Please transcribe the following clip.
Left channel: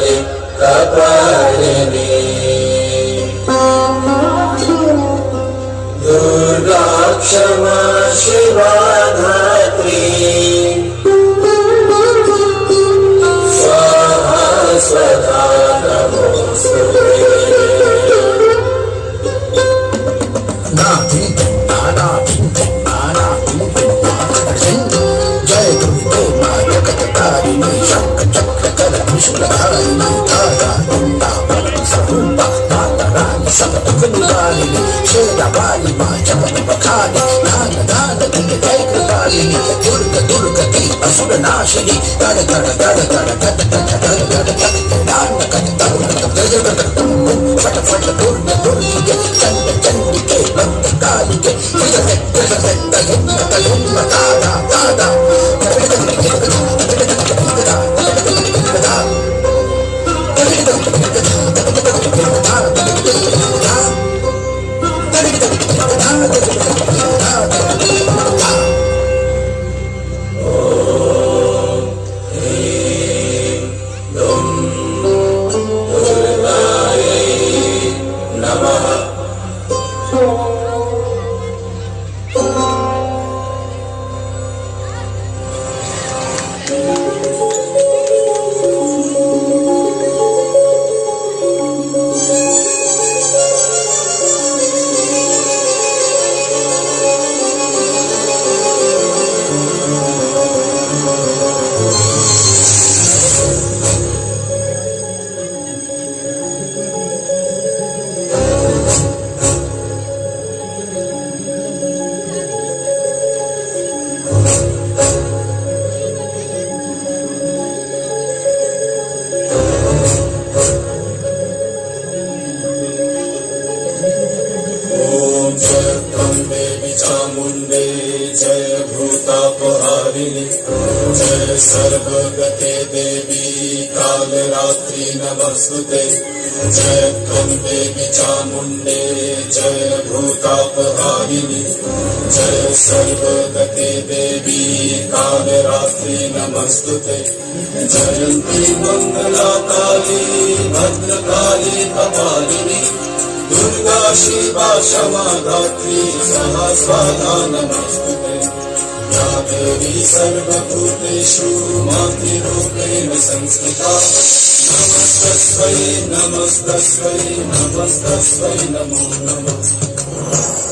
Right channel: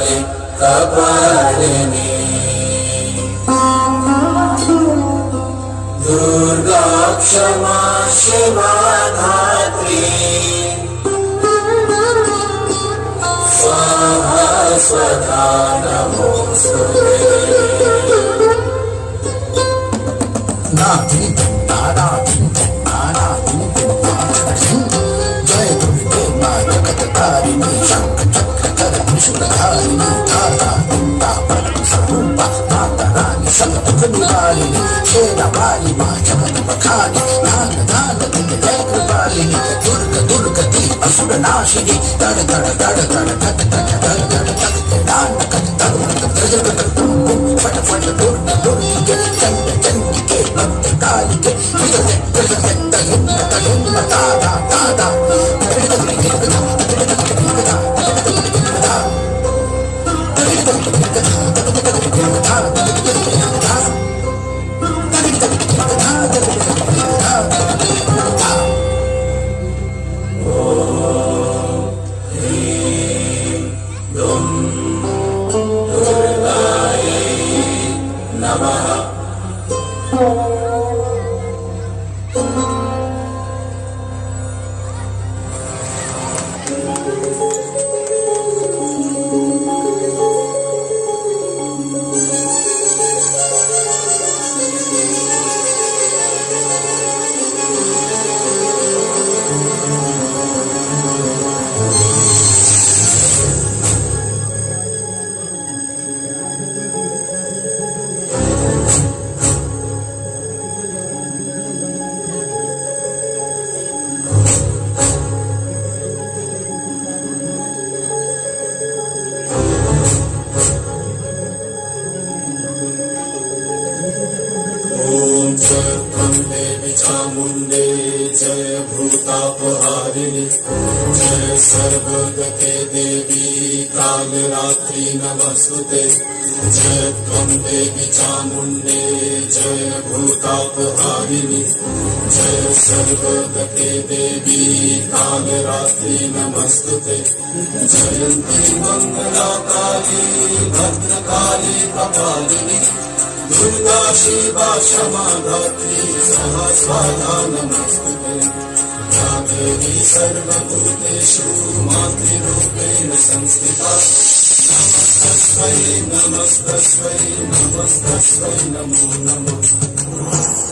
काली कपालिनी दुर्गा क्षमा शिवा धात्री स्वाहा स्वधा नमोस्तुते जय सर्वगते देवी कालरात्रि नमस्तुते जय देवी चामुण्डे जय भूतापहारिणि जय सर्वगते देवी कालरात्रि नमस्तुते जयन्ती मंगला काली भद्रकाली कपालिनी दुर्गा शिवा क्षमा धात्री सहस्रधा नमस्तुते या देवी सर्वभूतेषु मातृरूपेण संस्थिता नमस्तस्यै नमस्तस्यै नमस्तस्यै नमो नमः।